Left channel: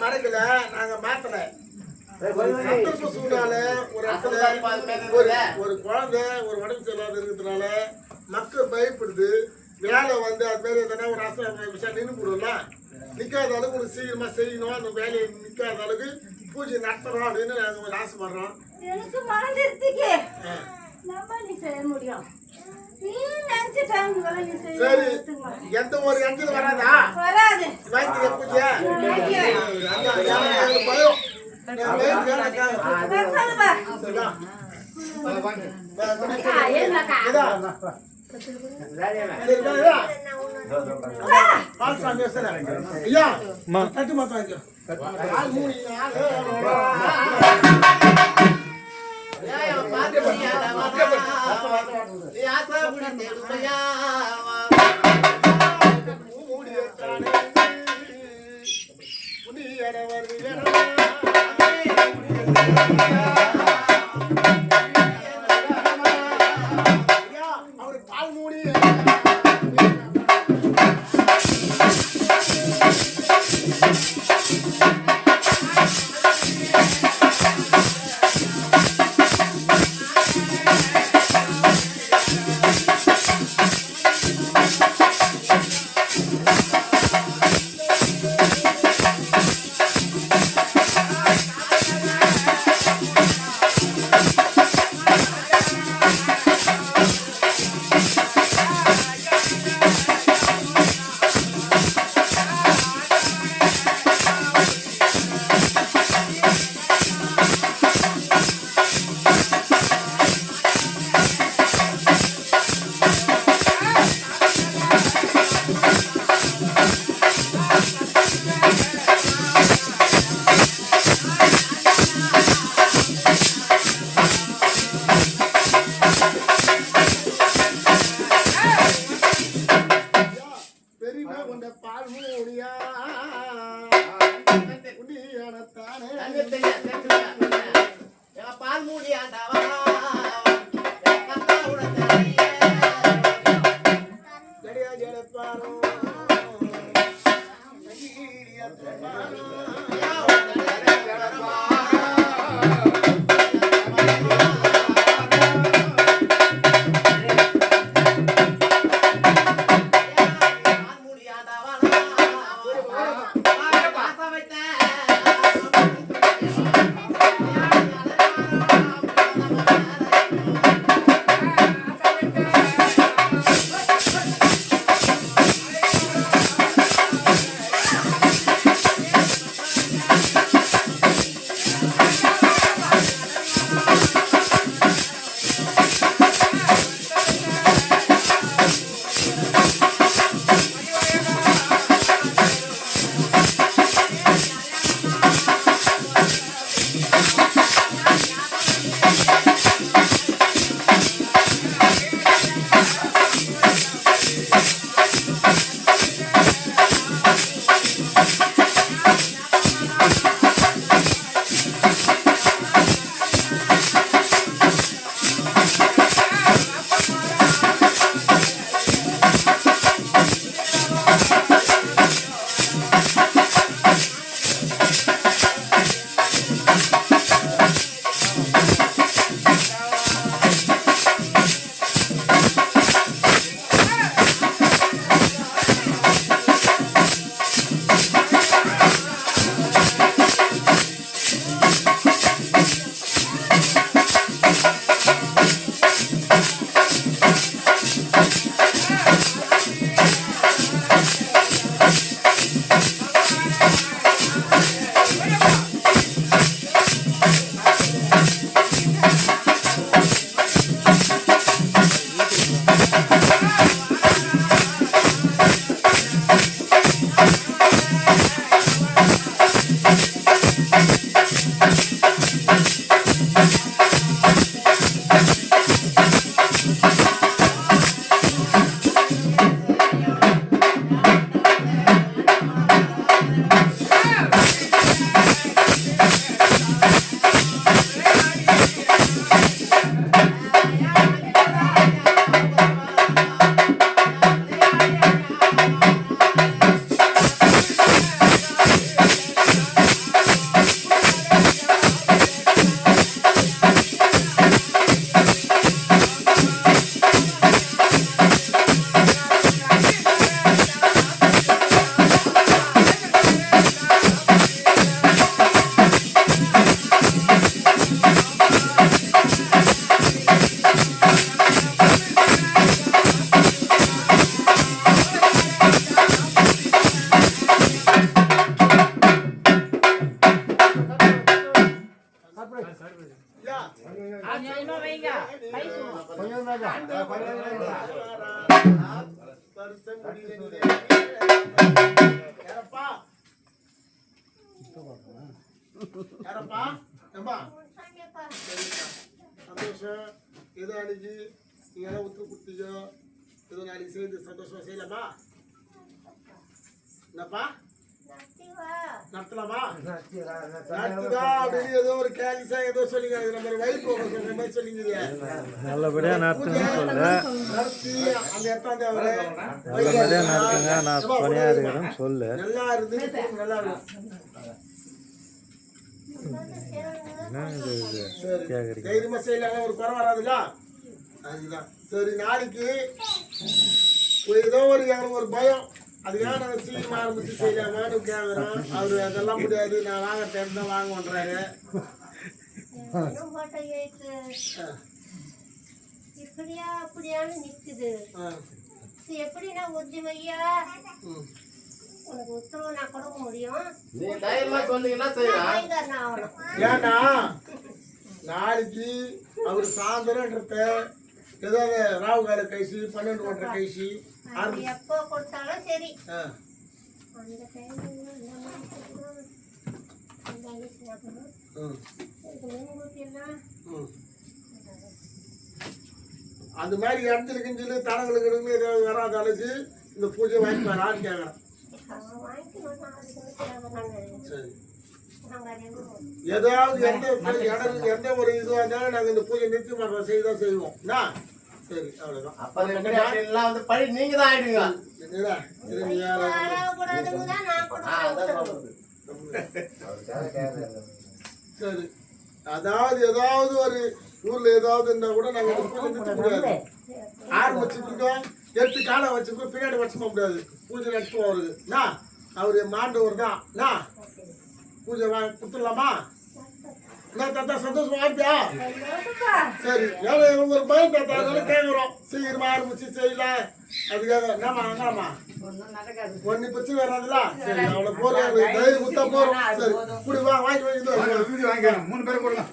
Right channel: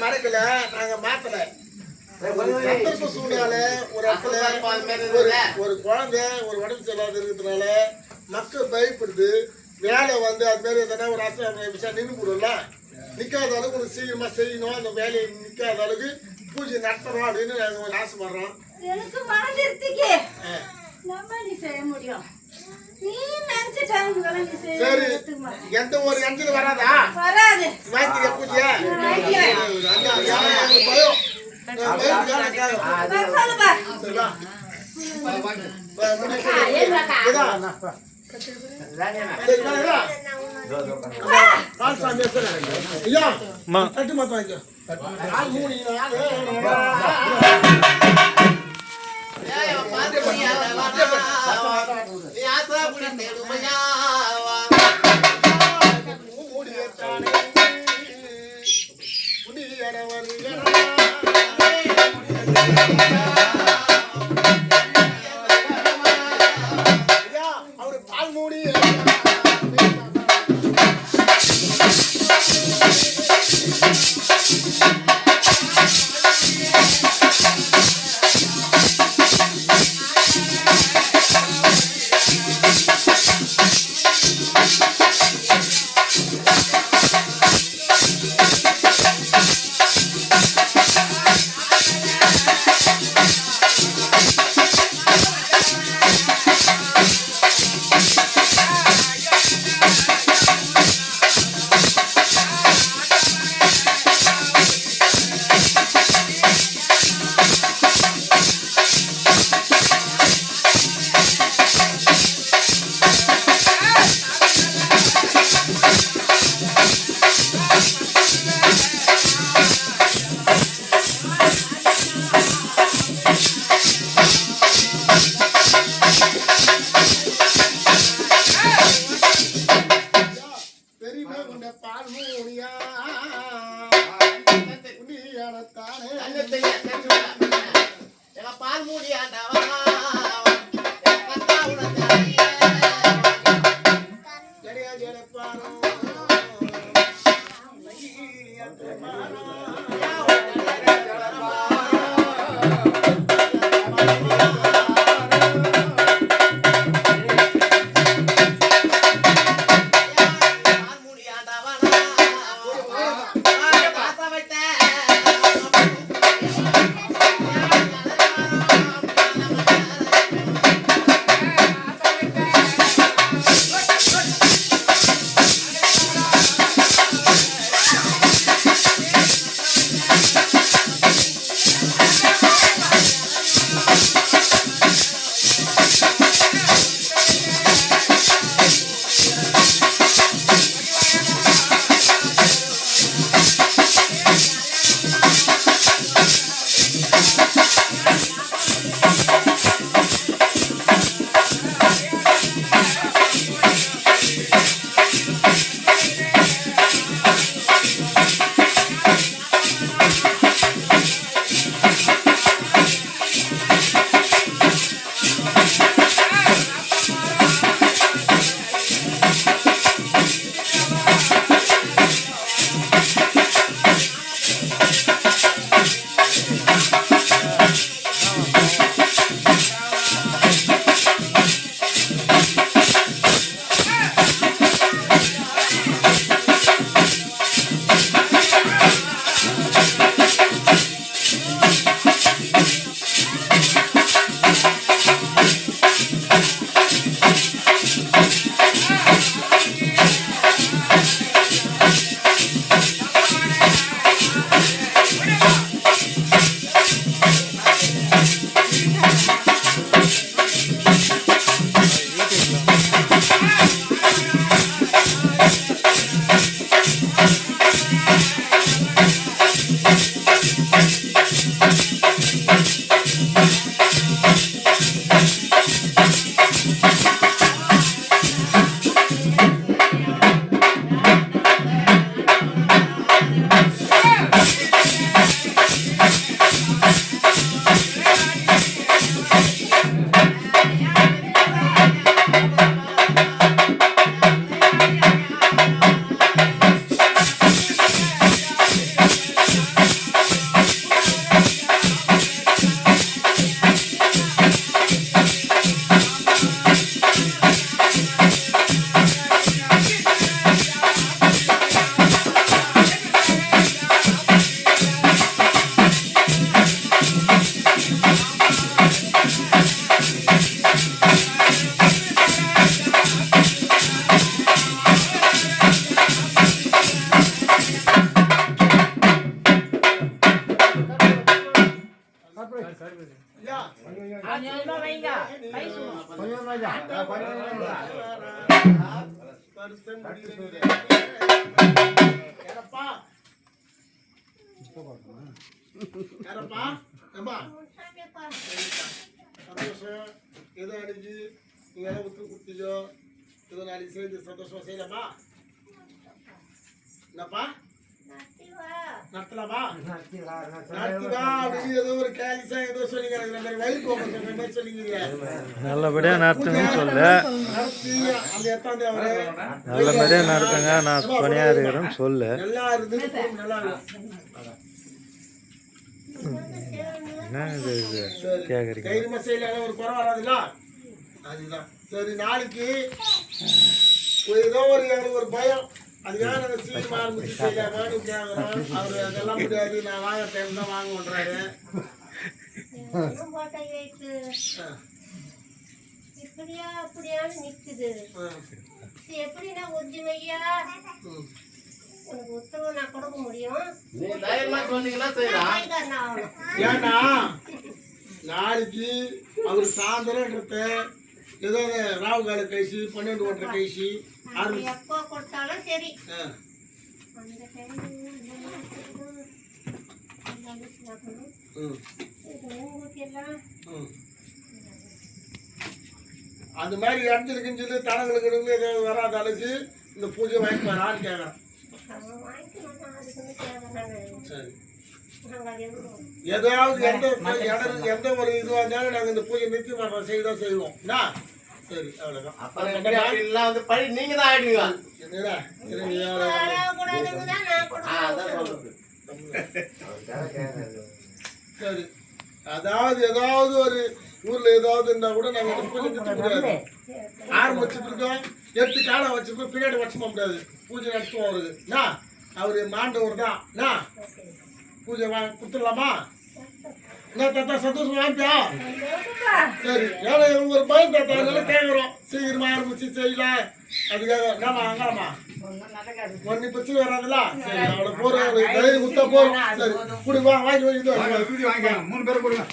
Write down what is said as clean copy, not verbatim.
மறக்கல நாங்க மாத்தல சூழ்நிலை ஒரு இடத்துல ஒரு குழந்தை ஒரு உடம்பு சரியில்லாத இருக்கிறதுனால மக்கள் பயப்படுது வேலை வந்து அது மாதிரி எதனா ஒரு விஷயம் நின்று போடும்ல நிக்காத அளவுக்கு ஒரு சீக்கிரமா செய்யணும் அந்த வேலையை நிக்காத அளவுக்கு பூஜை நடத்துறோம் அப்படின்னு நாங்க ஒரு ஆசைப்படுறோம். எனக்கு மனதிற்கு நீ செய்ய முடியும். சரி எந்த ஒரு எந்த வராதா வராது வாங்கி எப்படியா சந்தோஷம் ஏதோ அன்னைக்கு நீங்க எல்லாம் உத்து குத்தியோ ஏதோ நாளைக்கு செய்து சந்தோஷமா செய்யலாமா? என்னப்பா நடத்தலாமா? நடத்துவா அப்படின்னு ஏதோ ஒரு கேலிசா ஏதோ சொல்லிங்க நம்ம வயிறு போக சொல்ற மாதிரி சொல்லிங்க. நல்லபடியா நடத்துங்கன்னு சொல்லு. நடத்தி அந்த எத்தாந்து அவரை நல்லபடியா நடத்துங்க, நான் துணையா இருக்கிறேன்னு சொல்லு. நல்லா இருந்து நல்லா இருக்கும். என்ன இது கேக்குறீங்க? தைரியமா செய்யலாம், ஒரு குறை வராதுல்ல, அதுதான். சரி, நாளைக்கு ஏதோ ஒரு எனக்கு ஒரு பயம், அதுக்காக நாங்கள் சீக்கிரமா ஆரம்பிச்சு செய்யலாமான்னு கேட்குறோம். அவரு அதெல்லாம் முடியாது, நான் வாங்க டைம் தான் வாங்கன்றாரு. இப்படியா அப்படியான்னு நிக்குது. எப்படின்னா ஒரிஜினலையா உனக்கு உத்தரவு நான் கொடுக்க முடியும். ஏன்னா நாளைக்கு அவர் சாயந்தரம்ன்றத ஏதோ ராவு கால கழிச்சு 12 ஒன்றரை கழிச்சு எப்போ கொடுத்தாலும் சரி. அந்த மாதிரி இடத்துல கிஞ்சில தடங்களுக்கு ஏதாவது வராத அளவுக்கு இந்த பூஜை வாங்கிப்பாரான்னு கேட்குறேன். சரி, ஏதாவது எந்த ஒரு இதுவாக இருந்தாலும் நாங்கள் இந்த பூஜை நிறுத்தி மாட்டோம், செய்தான் செய்வோம். சரி, அவ்வளோதான். நீங்க தான் ஆயிடுவீங்க. சரி, அதாவது ஏதாவது ஒரு ஊர்ல ஏதாவது இருந்தா கூட நாங்க இந்த பூஜை நிறுத்த முடியாது. ஆரம்பிச்சுட்டு இருக்கோம், 8 காலம் வச்சிருக்கோம், பின்னாடி வச்சுக்க முடியாது. பூஜை நடத்துவோம் அவருக்கு. அவரு மாண்டவர் தான். பூஜை கொடுத்துடலாமா? என்ன தாத்தா சந்தோஷமா இருக்கியா? சரி, ஏன்னா இவங்க ஒரு பயம் தாத்தா, அதனால கேட்குறோம். சீக்கிரமா ஆரம்பிச்சு செய்யலாம். அதுக்காக என்னமா அங்கலாமா ஒன்னு பிரச்சனை வராதுல்ல? சரி, அவ்வளோ போறோம், தைரியம் குத்தா போறோம். சரி, குடி வாங்க, வாங்கி வாங்கி 3 பேரை கொடுங்க.